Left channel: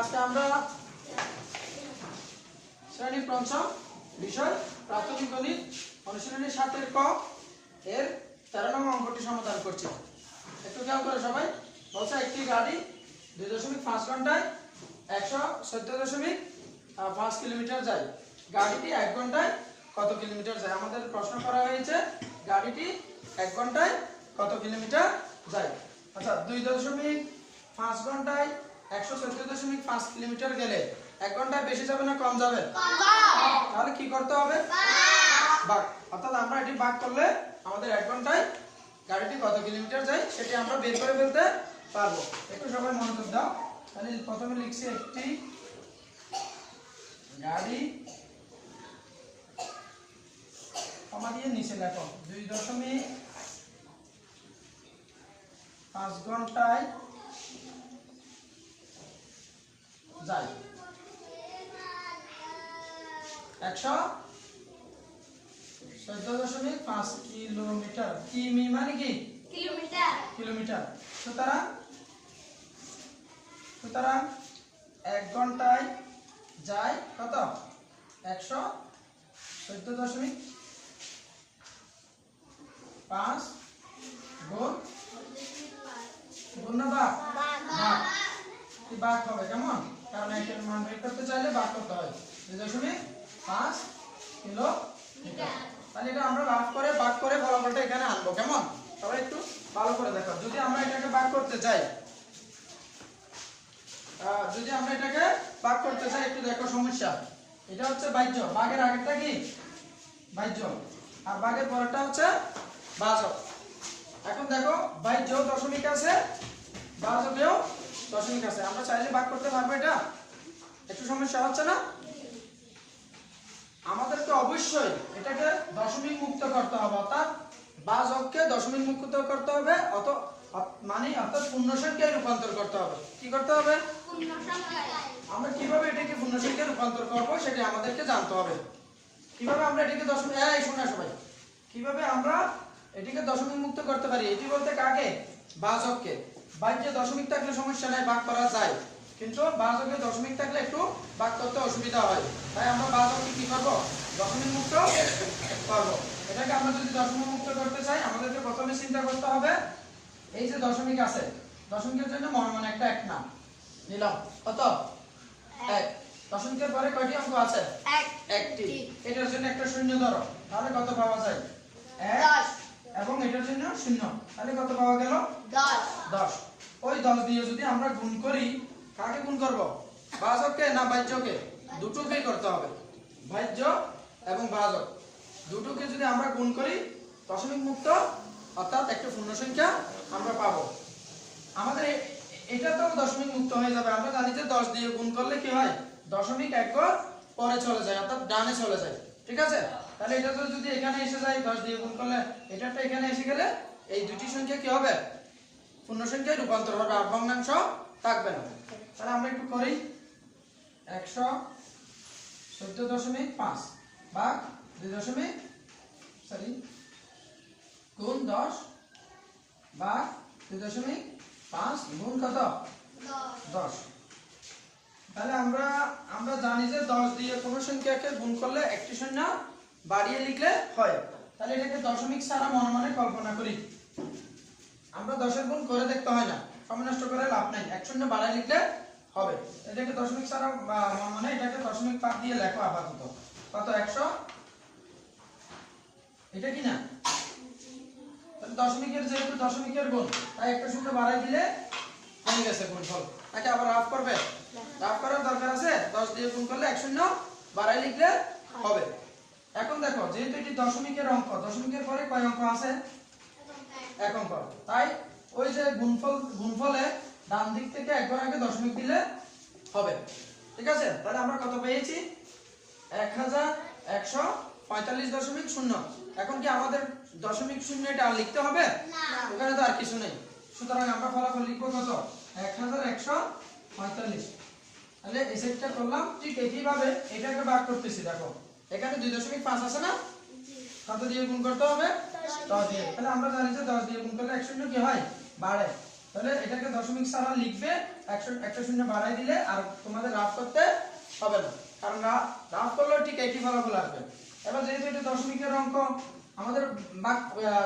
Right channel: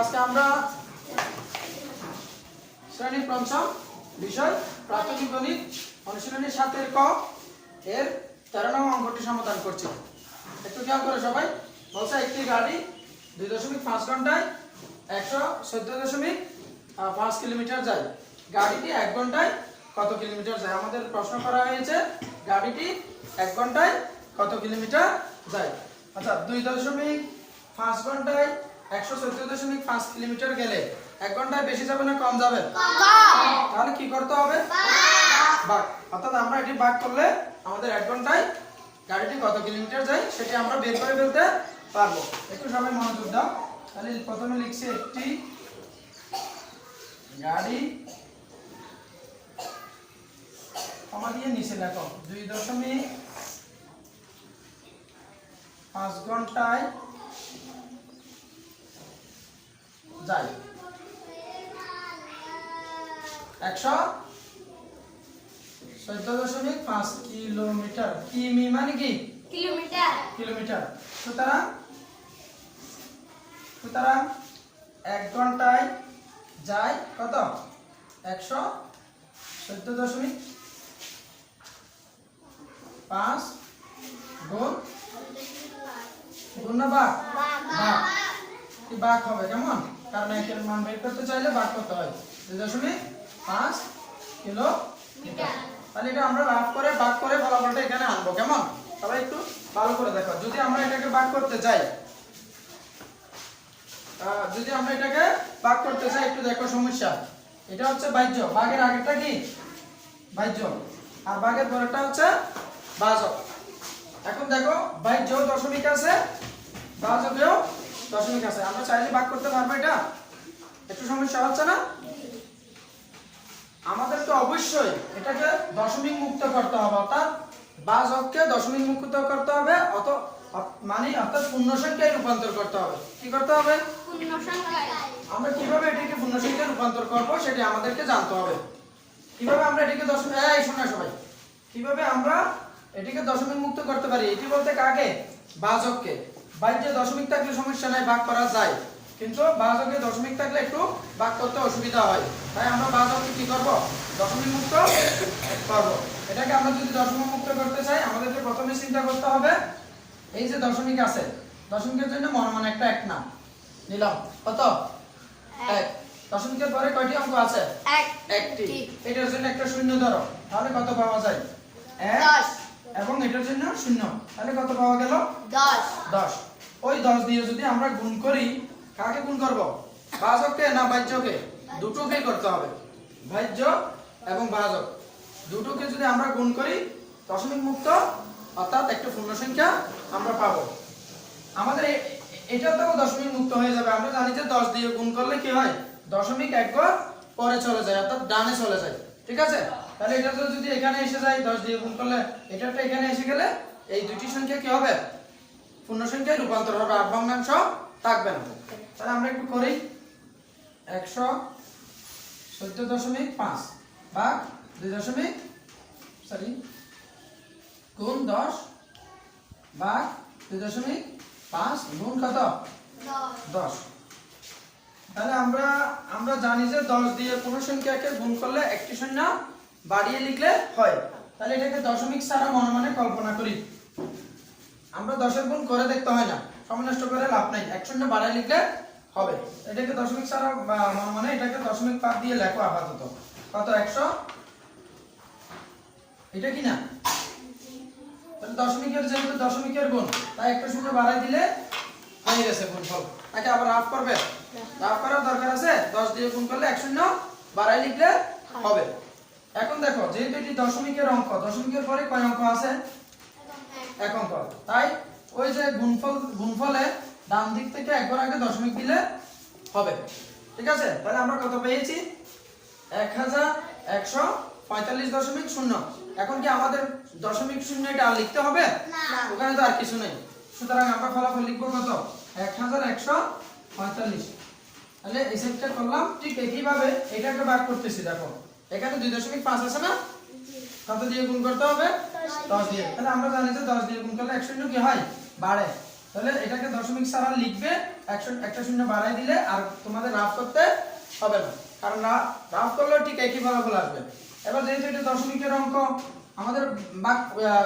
আজকে আমরা শ্রেণী পঞ্চম বিষয় প্রাথমিক গণিত অনুশীলনী 7 এর ক এর 13 নং অঙ্কটি সমাধান করছি। একটু খেয়াল করো সবাই। বলছে একটি গাড়ি 2.5 ঘন্টায় 114.5 কিলোমিটার যায়। গাড়িটি 1 ঘন্টায় কত কিলোমিটার যায়? আমাদের প্রশ্ন করা হয়েছে গাড়িটি 1 ঘন্টায় কত কিলোমিটার যায়। আচ্ছা, 2.5 ঘন্টায় 114.5 কিলোমিটার গেলে 1 ঘন্টায় বেশি যাবে না কম যাবে? তাহলে কি করতে হবে? ভাগ। অর্থাৎ আমরা এটি ভাগ করলে আমাদের 1 ঘন্টায় গাড়িটি কত কিলোমিটার যায় সেটি আমরা বের করে ফেলতে পারবো। একটু সবাই মনোযোগ দাও। তাহলে প্রথমে লিখছি একটি গাড়ি কমা দিয়ে নিচে লেখো 2.5 ঘন্টায় যায় 114.5 কিলোমিটার। কিমি মানে কি? কিলোমিটার। সুতরাং 1 ঘন্টায় যায় কত? 114.5 গুণ না ভাগ? কি ভাগ হবে কেমন? কারণ এর মান বের করতে চাইলে ভাগ করতে হয়। 2.5 কিলোমিটার। তাহলে এটা আমরা ভাগ করে ফলাফলটা এখানে আনবো। কেমন? সবাই একটু ভালো করে দেখো। যদি আমরা এটাকে ভাগ করতে চাই একটু দেখো সমস্যা। এটা হচ্ছে ভাজ্য। ভাগের আগেরটা কি? ভাজ্য। আর ভাগের পরেরটা হচ্ছে ভাজক। এখন দেখো ভাজ্য দশমিক আছে, ভাজকেও দশমিক আছে। আমরা চাইলে ভাগ করতে পারবো। এটা একটু সমস্যা হচ্ছে না? আমাদেরকে অবশ্যই এটাকে দশমিক মুক্ত করতে হবে, অর্থাৎ ভাজককে দশমিক মুক্ত করতে হবে, অর্থাৎ পূর্ণ সংখ্যায় রূপান্তর করতে হবে। কি করতে হবে? আমরা কিভাবে এটিকে পূর্ণ সংখ্যায় রূপান্তর করব সেটা আমাদেরকে জানতে হবে। কিভাবে আমরা এটিকে কিভাবে আমরা এটিকে দশমিক মুক্ত করতে পারি? এটি বলতে কাকে? ভাজককে। ভাজ্যে দশমিক থাকলে সমস্যা নাই, ভাগ করা যায়, কিন্তু ভাজকে দশমিক থাকলে একটু ভাগ করতে অসুবিধা হয়। তাই আমরা ভাজককে কি করব? দশমিক মুক্ত করব। এটাকে আমরা যদি দশমিক মুক্ত করতে চাই আমাদেরকে প্রথমে চিন্তা করতে হবে এই যে দশমিক আছে, দশমিকের জন্য মনে একটা 1 নাম নিলাম। কত? 1। দশমিকের পরে কয়টি অঙ্ক আছে? একটি। এটার জন্য একটা শূন্য ধরো, তাহলে কত পাওয়া যায়? 1। এবং এটার জন্য 0, তাহলে কত পাওয়া গেল? 10। ওই 10 দিয়ে যদি আমরা গুণ করি, কাকে গুণ করব? ভাজককে না ভাজ্যকে? দুটোকেই করতে হবে। ভাজ্য এবং ভাজক দুটোকে যদি আমরা গুণ করি দশমিক মুক্ত, অর্থাৎ একটা পূর্ণ সংখ্যা আমরা পাবো। আমাদের এটা তো দশমিক মুক্ত হয়ে যাবে। আমরা জানি যে 10 দিয়ে গুণ করলে কি হয়? দশমিক 1 ঘর পরে চলে যায়, অর্থাৎ ডানে চলে যায়। ঠিক আছে? তাহলে এটা যদি এখানে এসে যায় 10 দিয়ে গুণ করলে এটাটা এখানে এসে গেলে এই দুটি সংখ্যা কি হবে? পূর্ণ সংখ্যায় রূপান্তর হবে, আর ভগ্নাংশ থাকবে না। তাহলে আমরা একটু করি। 114.5 ভাগ গুণ 10 ভাগ 2.5 গুণ কত? 10। তাহলে আমরা জানি যে 10 দিয়ে কোনো সংখ্যাকে গুণ করলে একটি শূন্য বাড়িয়ে লিখলে হয়। তাহলে এটাকে দশমিক ছাড়া মনে কল্পনা করি। আমরা 10 গুণ করে দেখতে হয় না, সময় নষ্ট করে লাভ নাই, এক শূন্য বাড়ায় লিখলে হবে। এটাকে দশমিক ছাড়া এটাকে দশমিক বাদ দিয়ে লেখো আপাতত। কত? 100। এটা কি না? তাহলে দশমিকের যেহেতু দশমিকের গুণ, তাই একটা শূন্য বাড়াই দিলে হয়ে গেছে গুণফল। তাকে আবার হাফ করবে? হাফ করার দরকার আছে? 10 দিয়ে গুণ করলে এক শূন্য বাড়াই লিখলে হবে। এখন দেখো যেহেতু এটি দশমিকের অঙ্ক, দশমিকের পরে কয় অঙ্ক আছে? 1 অঙ্ক। তাই ওই যে গুণফলে ডান দিক থেকে একবার আগে দশমিক দিলে হবে। ঠিক আছে? তাহলে আমরা কত পেয়েছি? 1145.0। এখন কি আমাদের দশমিক শূন্য এটা লিখতে হবে? ওখানে তো আর কিছু নেই। সুতরাং আমরা ফলাফল লিখবো কত? 1145। তাহলে এই সেটটা করলাম। ঠিক একইভাবে এটাকে ভাগ করতেছি। দেখো এখানে 2.5 আছে না? কত দিয়ে গুণ করতে হবে? 10 দিয়ে। তাহলে আমরা জানি যে 10 দিয়ে গুণ করলে এক শূন্য কি হয়? বাড়ে। তাহলে এটাকে দশমিক ছাড়া লিখবে একটা শূন্য বাড়াই দিলে আর তোমাদের রাফ করতে হবে না, কারণ রাফ করলেও ঠিক একই ফলাফল আসবে। এবার যেহেতু এটা দশমিকের অঙ্ক, আমাদের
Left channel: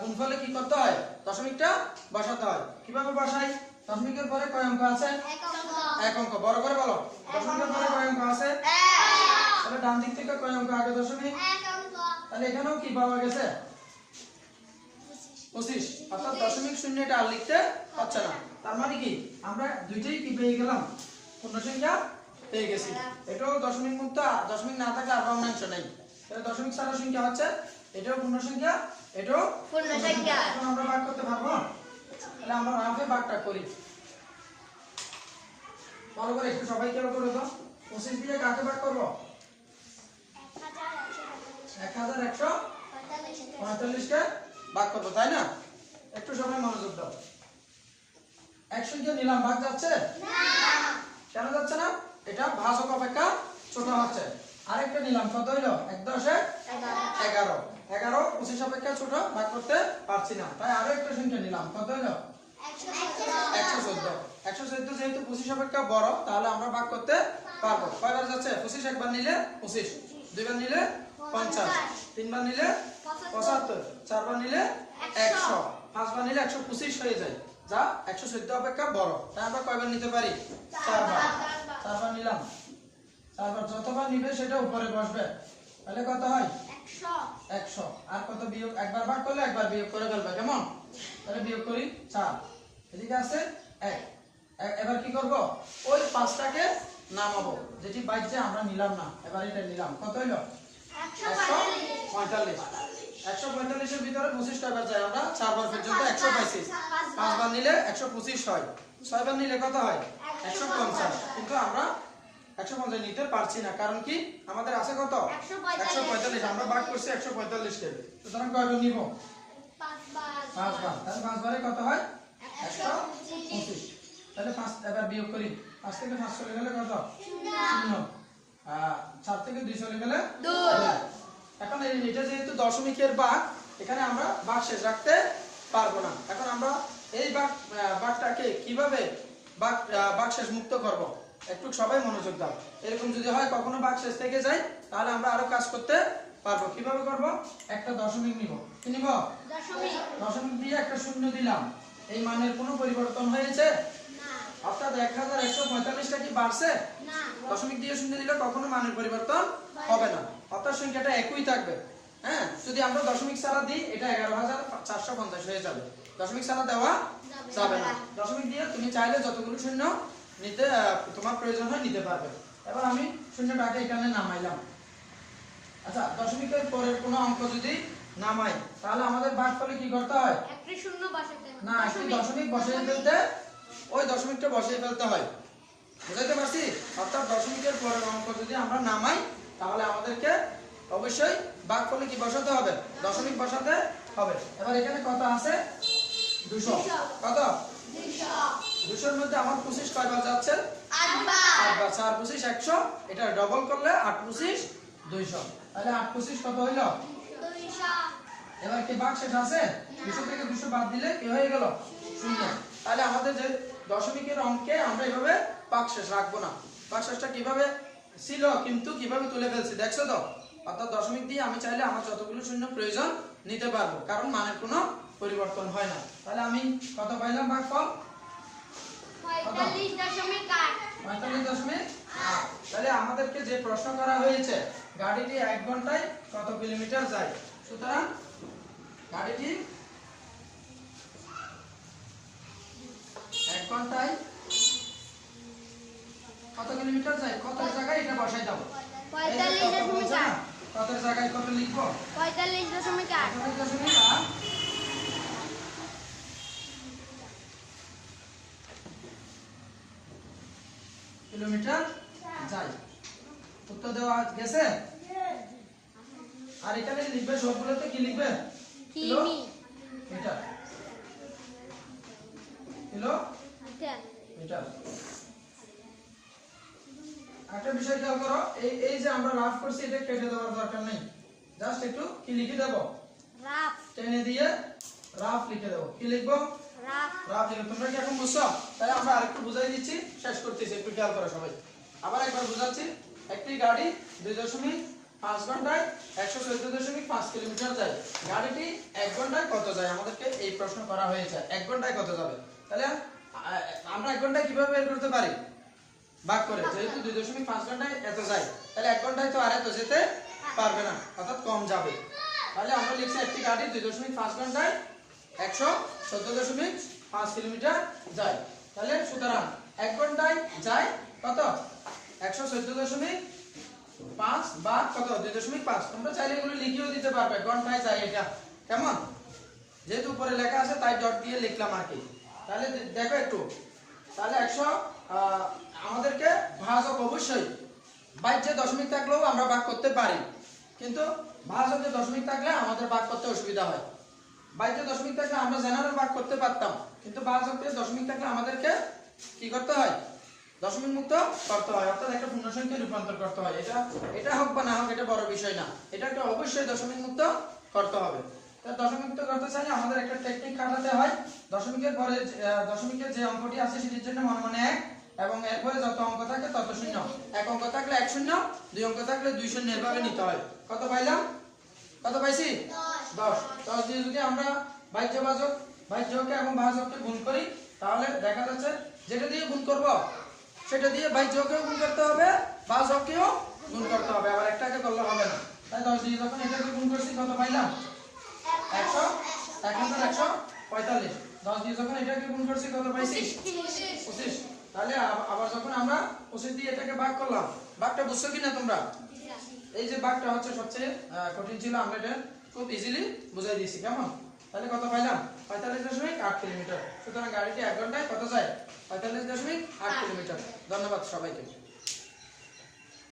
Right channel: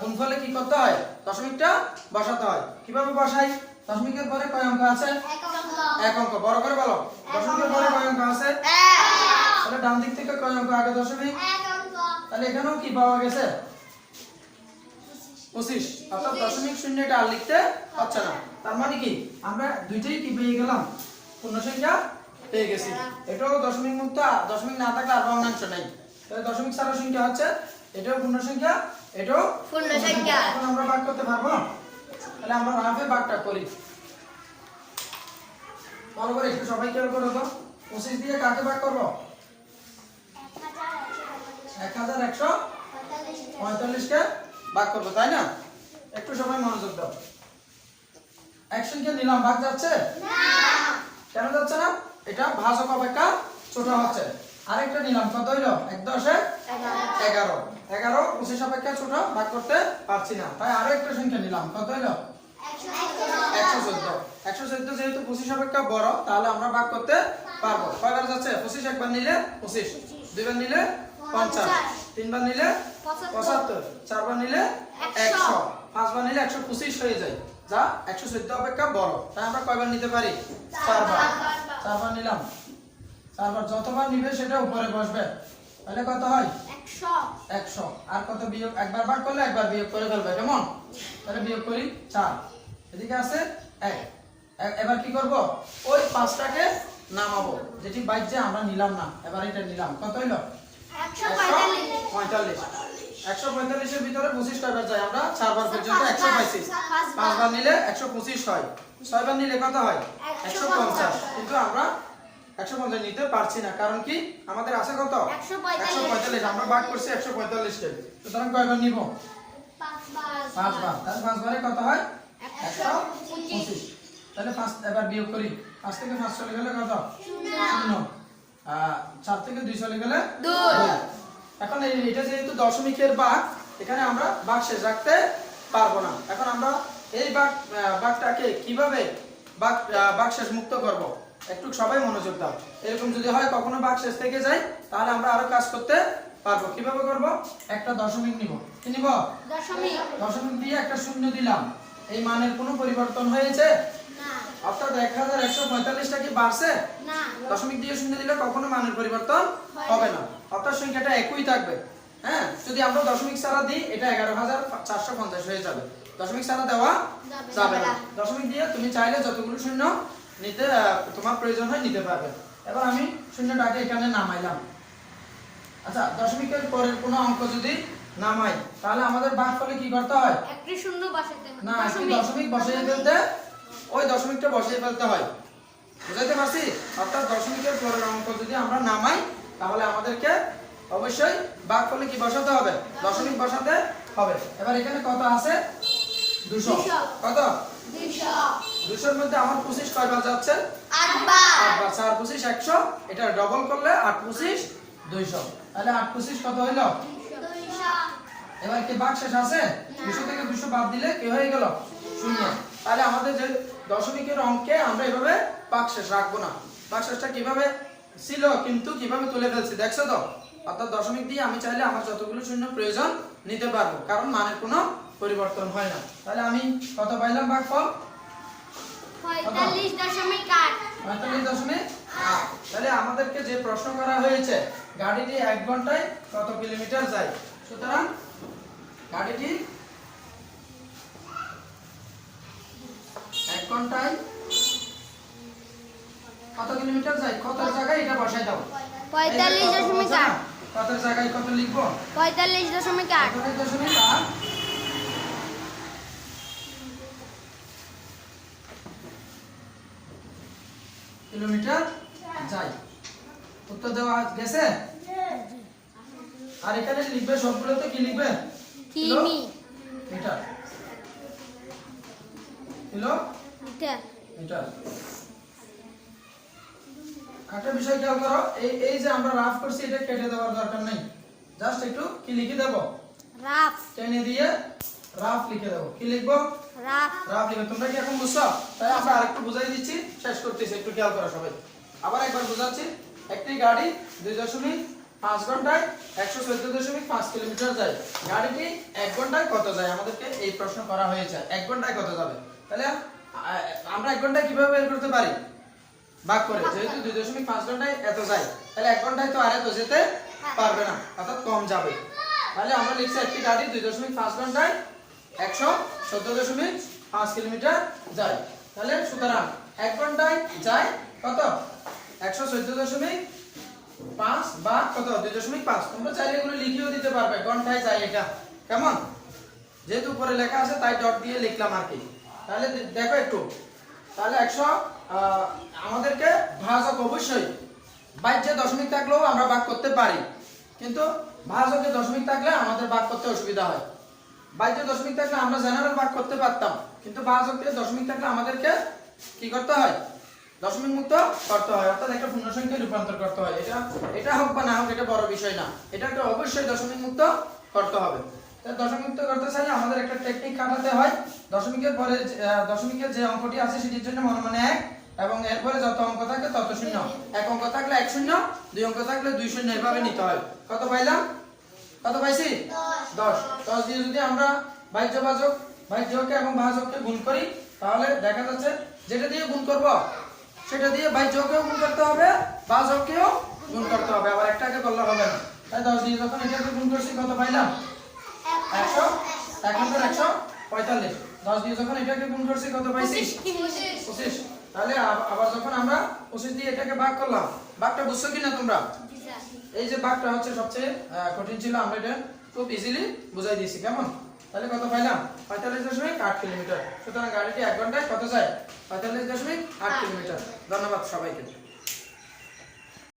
গুণফলে কি করতে হয়? দশমিকটা বসাতে হয়। কিভাবে বসাই? দশমিকের পরে কয় অঙ্ক আছে? এক অঙ্ক। বড় করে বলো। দশমিকের পরে কয় অঙ্ক আছে? তাহলে ডান দিক থেকে কয় অঙ্ক আগে? দশমিক। তাহলে এখানেও কি পাওয়া গেছে? 25। অর্থাৎ দশমিক শূন্য এটা আর লিখতে হচ্ছে না। তার মানে কি আমরা দুইটাই কি পেয়ে গেলাম? পূর্ণ সংখ্যা পেয়ে গেছি। এটাও দশমিক মুক্ত, দশমিক না থাকলে আর ভগ্নাংশ নাই। তাহলে দশমিক ছাড়া সংখ্যা হচ্ছে এটাও পূর্ণ সংখ্যা, এটাও পূর্ণ সংখ্যা। এখন আমরা ভাগ করতে পারবো? তাহলে আমরা রাফে ভাগটা করি। বড় করে একটু সবাই খেয়াল করো তো, 25 দিয়ে কাকে ভাগ করব? 1145 কে ভাগ করব, তাই না? একটু সময় মনোযোগ দাও। এক সংখ্যা নিলাম, ভাগ যাচ্ছে না। কেন যাচ্ছে না? এটা ভাজক অপেক্ষা ছোট হচ্ছে। আরেকটা নিলাম, কত হইলো? 1 10 11 11 25 অপেক্ষা ছোট, ভাগ করতে পারছি না, তাই আরো একটা সংখ্যা নিলাম, কত হইলো? 114 114 যেহেতু 25 অপেক্ষা বড়, তাহলে আমরা ভাগ করতে পারবো। কয়বার যাচ্ছে? 25 একবার নিলে 25, দুইবার নিলে 50, তিনবার নিলে 75, চারবার নিলে 100, পাঁচবার নিলে 125 হয়ে যায়, যা 114 অপেক্ষা বড়। তাই আমরা কয়বার নিতে পারি? চারবার। চারবার নিলাম, চারবার। যতবার নিবে সেটা উপরে বসবে, তাহলে কত হয়? 100। আর কত বিয়োগ? একবার ভাগ করলে একবার বিয়োগ করে ফেলবে, কেমন? তাহলে বিয়োগ করি 4, এদিকে আছে 1। এবার কি করব? ওই 5টাকে নামাবো, যেটি বাইরে আমরা নিলাম না, এবার এটা নিলাম। কত হইলো? 145। 145 এর ভিতরে 25 কয়বার যায়? আমরা 4 বার পর্যন্ত 100 পাইছি। 5 বার নিলে 125 হয়, 6 বার নিলে কত হয়? 150। কিন্তু আমরা 150 নিতে পারছি না, কারণ কি আমাদের আছে কত? 145। আমরা ভাগ করছি 145 কে, সুতরাং কয়বার নিব? 5 বার। তাহলে 5 বারে কত হয়? 125। তাহলে 5 এবার বিয়োগ করি। 5 থেকে 5 চলে গেলে কত? 0। 4 থেকে 2 চলে গেলে 2। এখন এটা যেহেতু দশমিকের ভাগ, এখানে আমরা ভাগ শেষ রাখতে পারবো না। এখন আমরা এই ভাগটাকে কিভাবে ভাগ শেষ মুক্ত করব? একটু সবাই মনোযোগ দাও। এরকম যদি হয় কখনো ভাগ শেষ থেকে যায়, তাহলে আমরা আরো কাজ করতে পারবো। কিভাবে করব? একটা দশমিক নিব। কি নিব? দশমিক দিয়ে একটা শূন্য দিলাম। এই মানের কোনো পরিবর্তন হয়েছে না, অর্থাৎ 1145টা কি বাড়ছে না? দশমিক দিয়ে শূন্য দিলে কখনো মানের পরিবর্তন হবে না, অর্থাৎ সংখ্যাটা একই থাকবে। হ্যাঁ, যদি আমরা দশমিক ছাড়া দিই এটা 11450 হয়ে যাবে। দশমিক ছাড়া দেওয়া যাবে না। দশমিক দিয়ে তুমি চাইলে যতগুলো শূন্য নিতে তোমার প্রয়োজন হয় নিতে পারবে। এবার আমি শূন্যটাকে এখানে নামাইলাম। আচ্ছা, দশমিকের পরের কোনো অঙ্ক যদি নামাই, তাহলে আমাদের ভাগফলে কি করতে হয়? একটি শূন্য বসাতে হয় না, একটি দশমিক বসিয়ে ফেলতে, ওই দশমিকটা বসিয়ে ফেলতে হয়। বুঝাইতে পারছি? অর্থাৎ দশমিকের পরের অঙ্ক যদি আমরা নামাই, তাহলে আমাদেরকে অবশ্যই ভাগফলে কি বসাতে হবে? দশমিক বসাতে হবে। এবার এখানে কত আছে? 200। কত? 200 এর মধ্যে আমার 25 কয়বার যাচ্ছে? 8 বার। 8 বার। 4 25 100, এটা ডবল করলে 8 25 200। তাহলে 8 25 কত হইলো? 200। এবার কি ভাগ শেষ আছে? 200 থেকে 200 বাদ দিলে কি হয়ে গেল? 0। তাহলে আমাদের যে দশমিকের অঙ্কে আমরা এভাবে ভাগ শেষ রাখবো না। ভাগ শেষটা কিভাবে ছিল কিন্তু কিভাবে তুলে ফেলছি দেখছো তো? অর্থাৎ দশমিক দিয়ে আমি চাইলে আমার যতগুলো শূন্য প্রয়োজন নিতে পারবো, কারণ মানের কোনো পরিবর্তন হয় না। তাহলে আমি কত পাইলাম ভাগফল? 45.8। 45.8। তাহলে আমাদেরকে যে প্রশ্ন করা হয়েছে, গাড়িটি 1 ঘন্টায় কত কিলোমিটার যায়? সুতরাং গাড়িটি 1 ঘন্টায় কত কিলোমিটার যায়? কত জায়গায় এটা বসাই দাও। 45.8। কত জায়গায় কত লিখবো? 45.8। 45.8 কিলোমিটার যায়। উত্তর দেওয়া গেছে? আর এখানে লিখবে সবগুলোতে কি লিখবে? কিমি। মিটার। Kilometre. একটা বিষয় খেয়াল করো, এই যে আমরা রাফ করছি এটা কেটে দেওয়ার দরকার নেই, জাস্ট একটু কি লিখে দেব? রাফ। টেনে দিয়ে রাফ লিখে দেব। কি লিখবো? রা রাফ লিখো। তোমরা কি এখন বুঝছো? তাই আমরা আরেকটু বুঝাই দিচ্ছি, শেষ করতেছি, একটু খেয়াল করো সবাই। আবার একবার বুঝাচ্ছি। একটি গাড়ি 2.5 ঘন্টায় 114.5 কিলোমিটার যায়। গাড়িটি 1 ঘন্টায় কত যায়? আমাদেরকে এই প্রশ্ন করা হয়েছে, 1 ঘন্টায় কত যাবে। তাহলে আমরা 1 ঘন্টায় কিভাবে বের করতে পারি? ভাগ করে, যেহেতু 2.5 ঘন্টায় এত যায়, তাহলে 1 ঘন্টায় তো আর এত যেতে পারবে না, অর্থাৎ কম যাবে। তাহলে আমরা লিখছি একটি গাড়ি 2.5 ঘন্টায় 114.5 কিলোমিটার যায়। তাহলে সুতরাং 1 ঘন্টায় যায় কত? 114.5 বা কত? 2.5। তোমরা চাইলে এগুলো লিখেও দিতে পারবে, ঘন্টায় যায় এটা, কেমন? যেহেতু উপরে লেখা আছে তাই ডট দিয়ে লিখলাম আর কি। তাহলে দেখো একটু, তাহলে 100 আমাদেরকে ভাজক অবশ্যই বাইরে দশমিক থাকলেও আমরা ভাগ করতে পারি, কিন্তু ভাজকে দশমিক থাকলে আমাদের ভাগ করতে অসুবিধা হয়। বাইরে দশমিক থাকলে আমরা জেনারেল ভাগ করতে পারতাম, কিন্তু ভাজকে দশমিক থাকলে আমাদেরকে কি করতে হয়? দশমিক মুক্ত করতে হয়, অর্থাৎ একটা পূর্ণ সংখ্যায় রূপান্তর করতে হয়। এটা হোক বা না হোক এটা বড় বিষয় না, এটাকে অবশ্যই দশমিক মুক্ত করতে হবে। তাই দশমিক মুক্ত করতে চাইলে আমাদের একটা টেকনিক খাটাতে হয়। দশমিকের পরে দশমিকের যে অঙ্কটি আছে সেটির জন্য মনে মনে 1, এবং এরপরে যত অঙ্ক থাকে তত শূন্য। 1 অঙ্ক থাকলে 1 শূন্য, 2 অঙ্ক থাকলে 2 শূন্য, এভাবে নিতে হয়। কত পাইলাম? কত পাইছি? 10। 10 দিয়ে যদি আমরা ভাজ্যকে এবং ভাজককে গুণ করি, তাহলে দেখা যাচ্ছে যেটা দিয়ে গুণ করব সেটা দিয়ে ভাজ্যকেও গুণ করতে হবে, ভাজককেও গুণ করতে হবে, আবার একটাকে করলে হবে না। তাই 10 দিয়ে যখন এটাকে গুণ করছি কত পাইলাম? 100। 1 অঙ্কের 145। 10 দিয়ে যখন এটাকে গুণ করছি কত পাইছি? 25। তাহলে আবার যখন আমরা 25 দিয়ে এটাকে ভাগ করলাম, ভাগটা বুঝছো কিনা তোমরা? এই যে ভাগটা হচ্ছে সবচেয়ে কঠিন ছিল, আমরা এটা খুব ইজিলি বুঝাই দিয়েছি, কেমন? তাহলে কত পাইলাম? 45.8 কিলোমিটার। সুতরাং গাড়িটি 1 ঘন্টায় কত যায়? 45.8 কিলোমিটার। ধন্যবাদ সবাইকে।